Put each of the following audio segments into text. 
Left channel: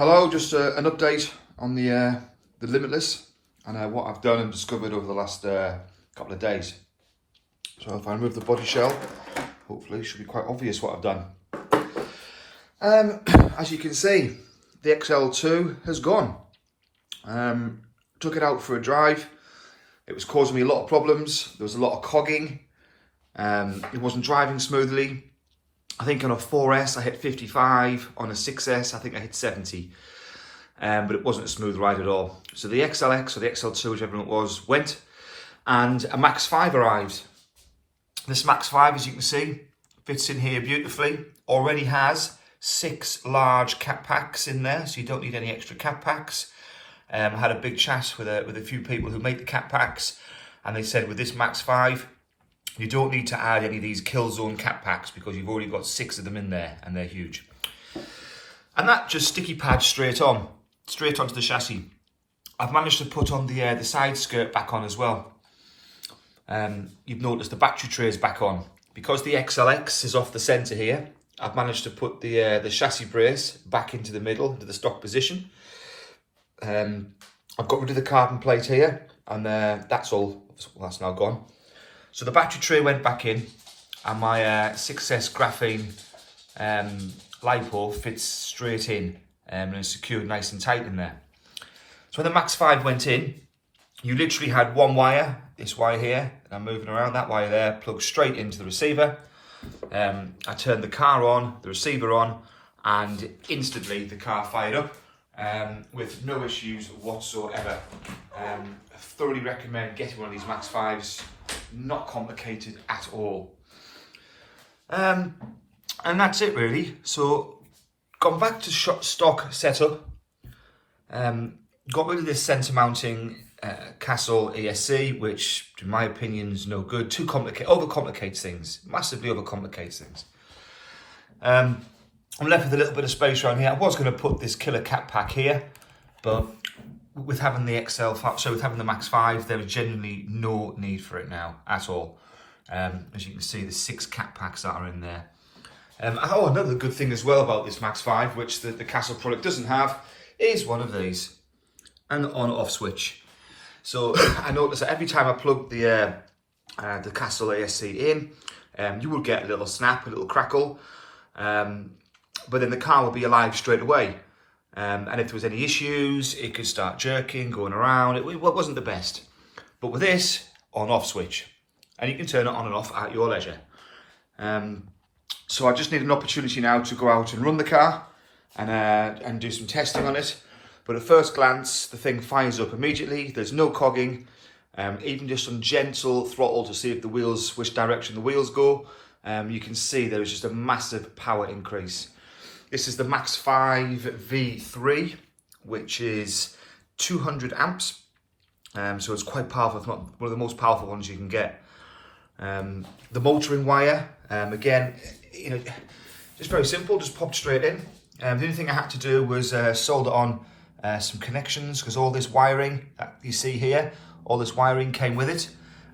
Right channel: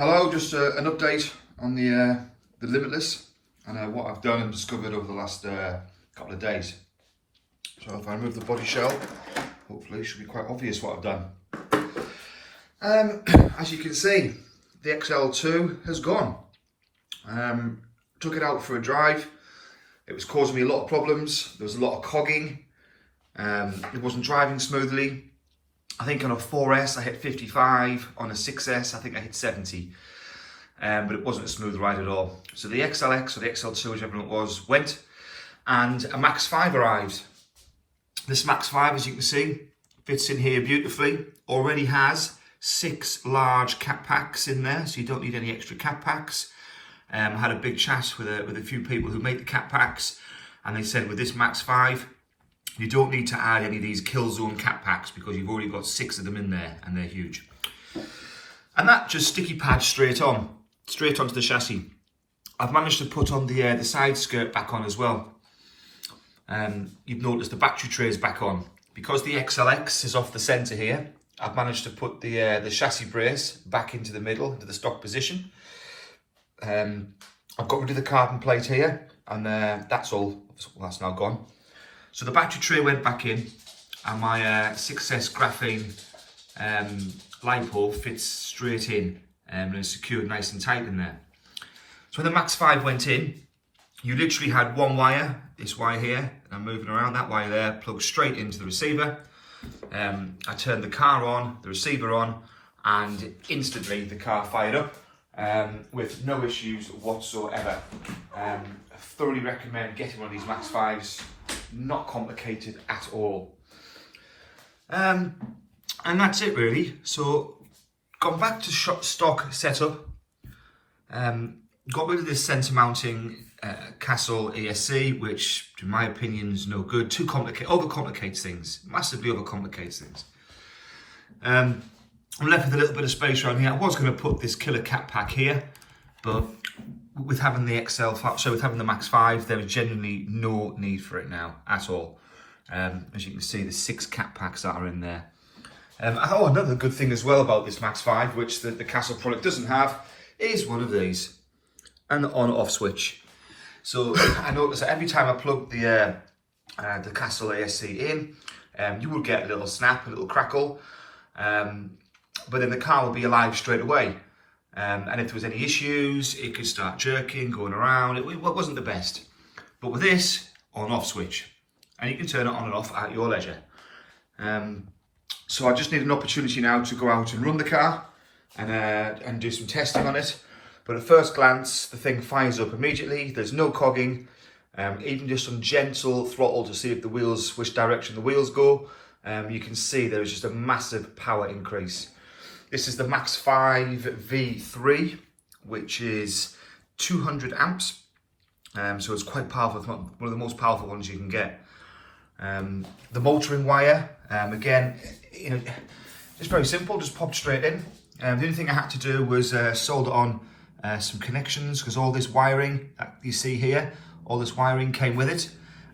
Hello, just an update on the Limitless and what I've done and discovered over the last couple of days. So if I remove the body shell, hopefully it should be quite obvious what I've done. As you can see, the XL2 has gone. Took it out for a drive. It was causing me a lot of problems. There was a lot of cogging. It wasn't driving smoothly. I think on a 4S I hit 55, on a 6S I think I hit 70, but it wasn't a smooth ride at all. So the XLX or the XL2, whichever it was, went, and a Max5 arrived. This Max5, as you can see, fits in here beautifully. Already has 6 large cat packs in there, so you don't need any extra cat packs. I had a big chat with a few people who make the cat packs, and they said with this Max5, you don't need to add any of these Killzone cat packs because you've already got 6 of them in there and they're huge. And that just sticky pads straight onto the chassis. I've managed to put on the side skirt back on as well. You've noticed the battery tray is back on. Because the XLX is off the centre here, I've managed to put the chassis brace back into the middle, into the stock position. I've got rid of the carbon plate here, and that's now gone. So the battery tray went back in, and my 6S graphene LiPo fits straight in and is secured nice and tight in there. So when the Max5 went in, you literally had one wire, this wire here, and I'm moving around, that wire there, plugged straight into the receiver. I turned the car on, the receiver on, and instantly the car fired up with no issues whatsoever. I thoroughly recommend getting one of these Max5s. Not complicated at all. And that's it really. So gone back to stock setup. Got rid of this centre mounting Castle ESC, which in my opinion is no good. Too complicated, overcomplicates things, massively overcomplicates things. I'm left with a little bit of space around here. I was going to put this killer cat pack here, but with having the with having the Max5, there is genuinely no need for it now at all. As you can see, the 6 cat packs that are in there. Another good thing as well about this Max5, which the Castle product doesn't have, is one of these, an on-off switch. So I noticed that every time I plug the Castle ESC in, you will get a little snap, a little crackle, but then the car will be alive straight away. And if there was any issues, it could start jerking, going around. It wasn't the best. But with this, on-off switch. And you can turn it on and off at your leisure. So I just need an opportunity now to go out and run the car and do some testing on it. But at first glance, the thing fires up immediately. There's no cogging. Even just on gentle throttle to see if the wheels, which direction the wheels go, you can see there is just a massive power increase. This is the Max5 V3, which is 200 amps. So it's quite powerful. It's one of the most powerful ones you can get. The motoring wire, again, just very simple, just popped straight in. The only thing I had to do was solder on some connections, because all this wiring that you see here, all this wiring came with it.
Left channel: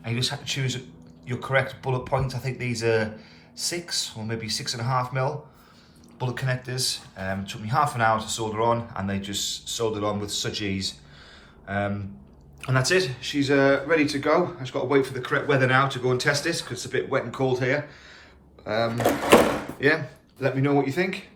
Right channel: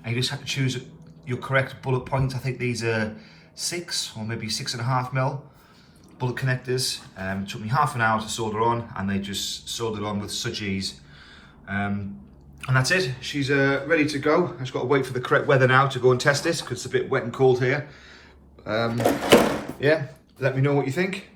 And you just have to choose your correct bullet point. I think these are 6 or maybe 6.5 mil. Bullet connectors. It took me half an hour to solder on, and they just soldered on with such ease. And that's it. She's ready to go. I just got to wait for the correct weather now to go and test this, because it's a bit wet and cold here. Yeah, let me know what you think.